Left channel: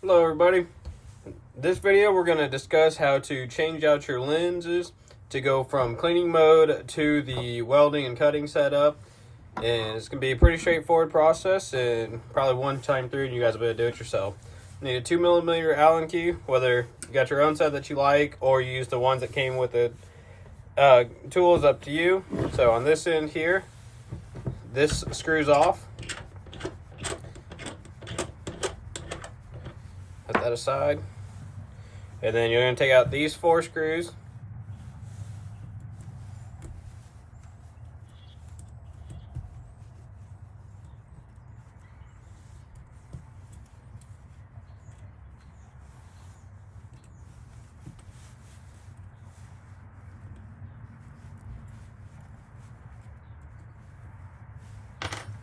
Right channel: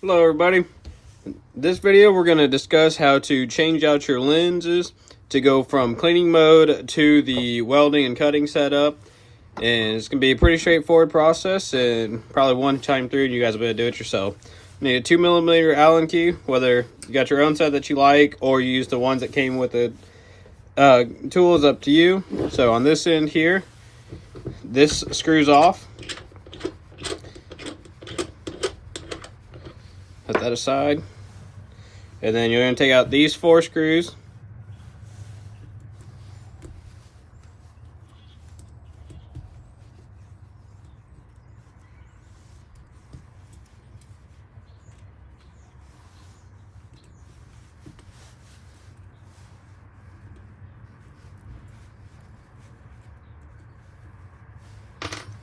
Hello everybody. In this video we're going to discuss how to change out your lenses to go from cleaning mode to the welding and cutting setup. And it's going to be a pretty straightforward process, and probably one time through and you guys will be able to do it yourself. You need a 2mm Allen key, whether you got your own set that you like or you use the ones that came with the tool is up to you. So on this end here, this screws off. Put that aside. And then you're going to take out these 4 screws.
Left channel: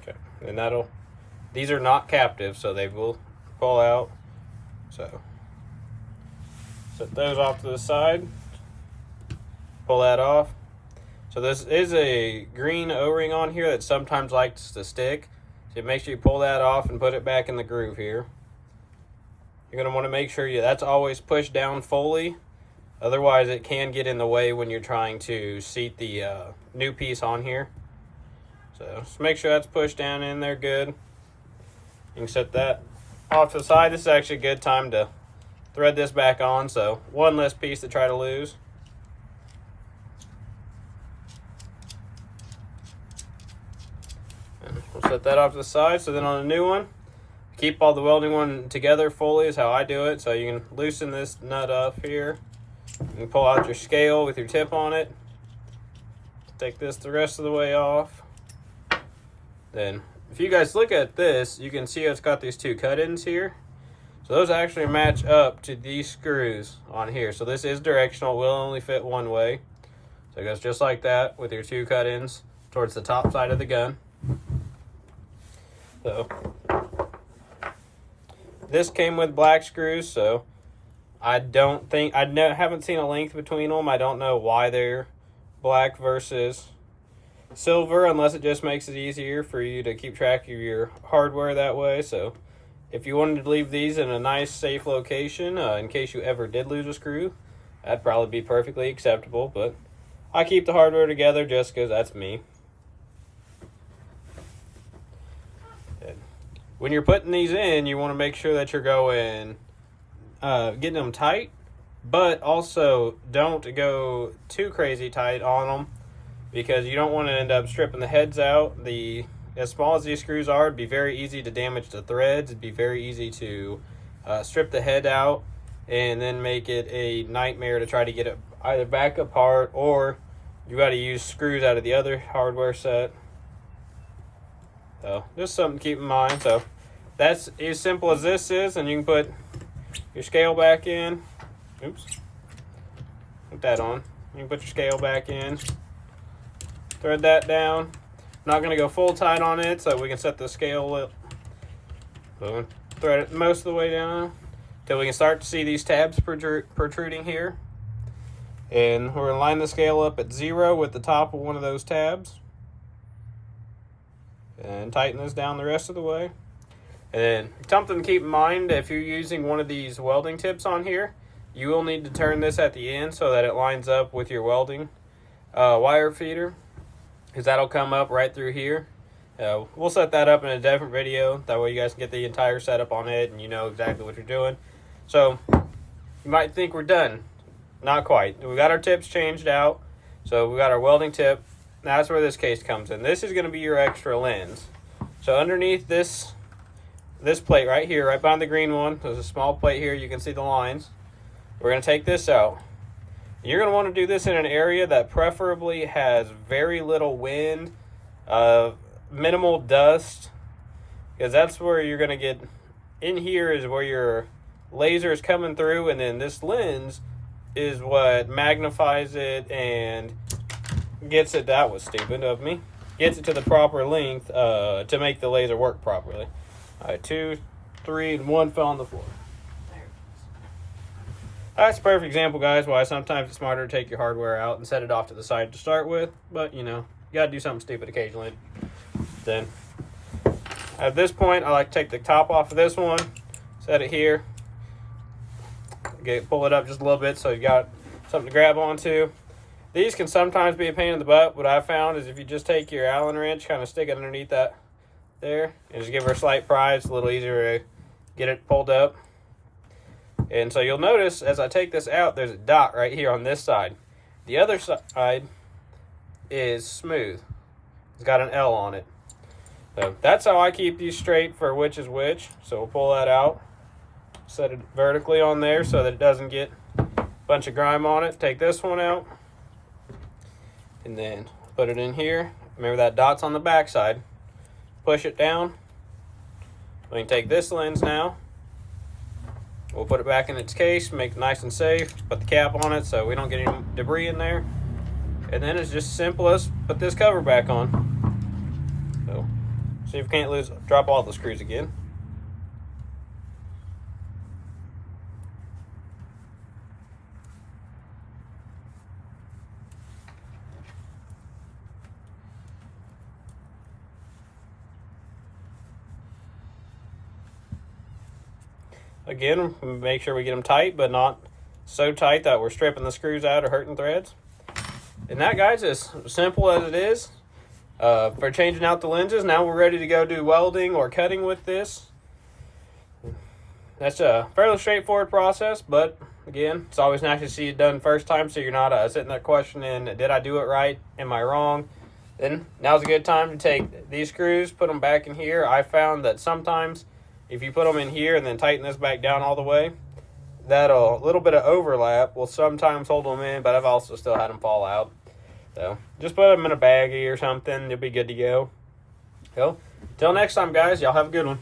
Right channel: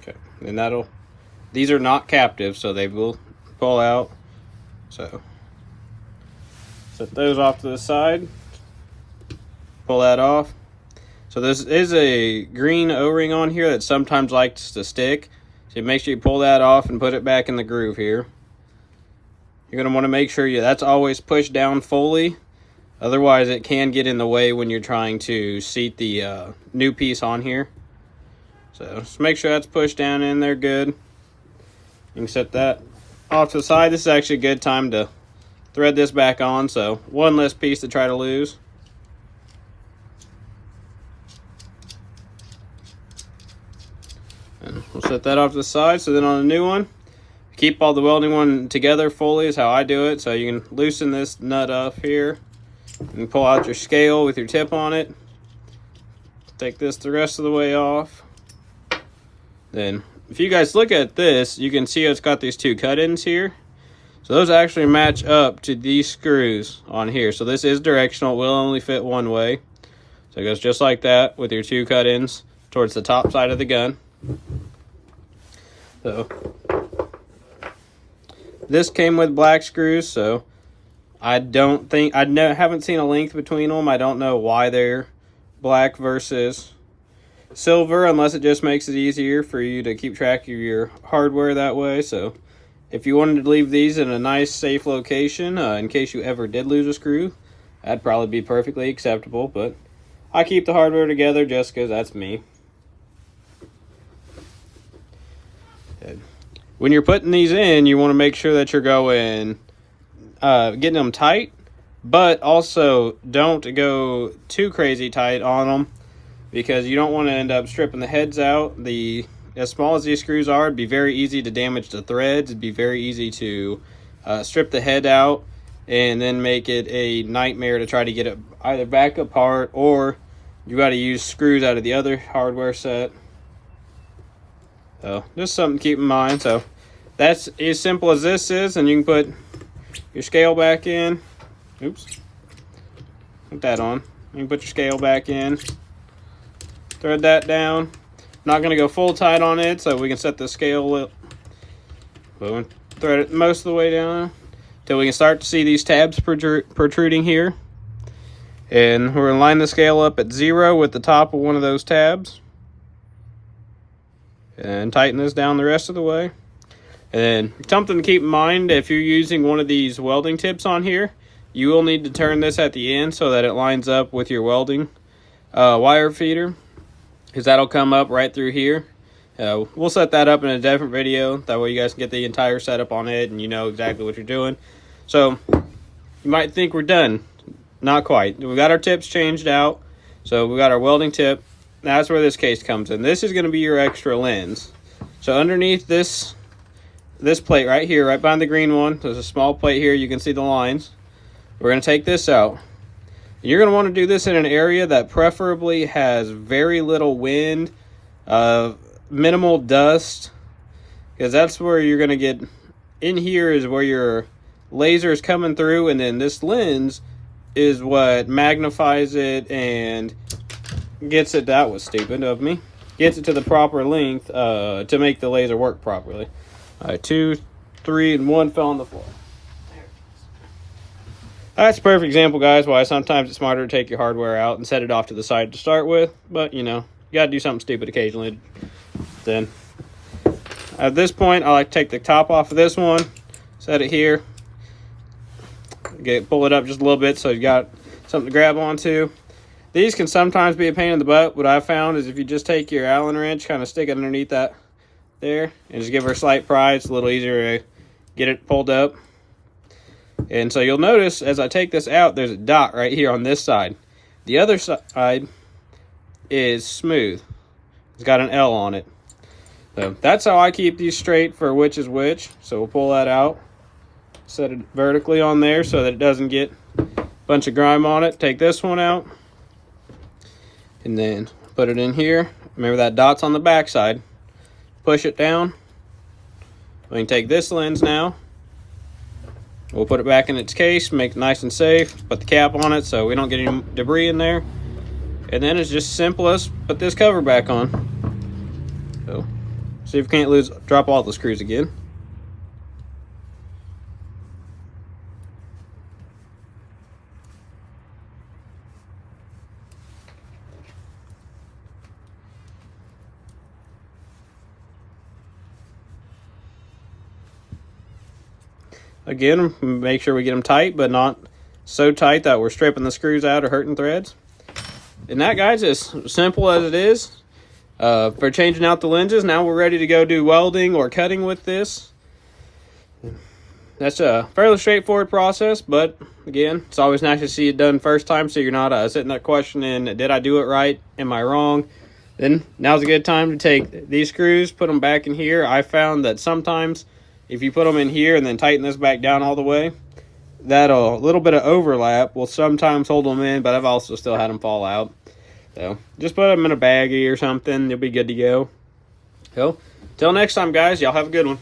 Okay, and these are not captive, so they will pull out. So set those off to the side, pull that off. So this is a green O-ring on here that sometimes likes to stick, so make sure you pull that off and put it back in the groove here. You're going to want to make sure that's always pushed down fully, otherwise it can get in the way when you're trying to seat the new piece on here. So just make sure that's pushed down in there good. You can set that off to the side. This is actually a good time to thread this back on, so one less piece to try to lose. And we'll set that off to the side. So then on the new one, keep all the welding one together fully is how I do it. So you can loosen this nut up here and pull out your scale with your tip on it. Take this the rest of the way off. Then if you guys look at this, you can see it's got these 2 cut-ins here. So those actually match up to these screws on here. So this is directional, it will only fit one way. So it goes just like that with your 2 cut-ins towards the top side of the gun. So this came with black screws, so I haven't seen a length between them. I don't know why they're black versus silver, unless it just makes it easier for you to keep track of your hardware that way. So if you wanted to leave these in a nice safe location in case you ever did lose a screw, that'd probably be perfectly acceptable, but I keep the hardware together just because that's me. When you're putting these in, you want to make sure that you're getting them tight, but also don't go too crazy tight on them, because you don't want to end up stripping the heads out. As small as these screws are, it'd be very easy to damage the threads. It'd be very easy to strip the head out and then make it a nightmare to try to get it either back apart, or you got to use screws out of the other hardware set. So just something to keep in mind. So that's as simple as this is, and you can put your scale back in. Oops. Put that on. You can put your scale back in. Thread that down. Not going to go full tight on it, so we can set the scale up. Boom. Thread it most of the way down until we can start to see these tabs protruding here. And we're going to line the scale up at 0 with the top of one of those tabs. And tighten this down the rest of the way. And something to keep in mind, if you're using one of these welding tips on here, you will need to turn this at the end so that it lines up with your welding wire feeder, because that'll come up right through here. We'll set that up in a different video. That way you guys can get the entire setup on it and you know exactly what you're doing. So you might think we're done. Not quite. We got our tips changed out. So we got our welding tip. That's where this case comes in. This is going to be your extra lens. So underneath this plate right here, right behind the green one, there's a small plate here. You can see the lines. We're going to take this out. You're going to want to do this in an area that preferably has very little wind, minimal dust, because that's where you're going to get in here is where your laser is coming through, and then this lens is what magnifies it and gets it, that was stupid of me, gets it to the proper length to make the laser work properly. All right, 2, 3, and 1 fell on the floor. That's a perfect example, guys, why sometimes it's smarter to take your hardware out and set it off to the side to start with. But, you know, you got to do something stupid occasionally. Then, at this point, I like to take the top off of this one, set it here, pull it up just a little bit so you got something to grab onto. These can sometimes be a pain in the butt. What I found is if you just take your Allen wrench, kind of stick it underneath that there, and just give her a slight pry, it's a little easier to get it pulled up. And so you'll notice as I take this out, there's a dot right here on this side. The other side is smooth. It's got an L on it. So that's how I keep these straight for which is which. So we'll pull that out, set it vertically on there so that it doesn't get a bunch of grime on it. Take this one out and then put it in here. Remember that dot's on the back side. Push it down. We can take this lens now. We'll put it back in its case, make it nice and safe. Put the cap on it so we don't get any debris in there. And then it's just simple as put this cover back on. So, see if we can't drop all the screws again. Again, make sure we get them tight, but not so tight that we're stripping the screws out or hurting threads. And that, guys, is simple as it is for changing out the lenses. Now we're ready to go do welding or cutting with this. That's a fairly straightforward process, but again, it's always nice to see it done first time so you're not sitting there questioning, did I do it right? Am I wrong? Then now's a good time to take these screws, put them back in here. I found that sometimes if you put them in here and then tighten this back down all the way, that a little bit of overlap will sometimes hold them in, but I've also still had them fall out. So just put them in a baggie or something, they'll be good to go. So till next time, guys, y'all have a good one.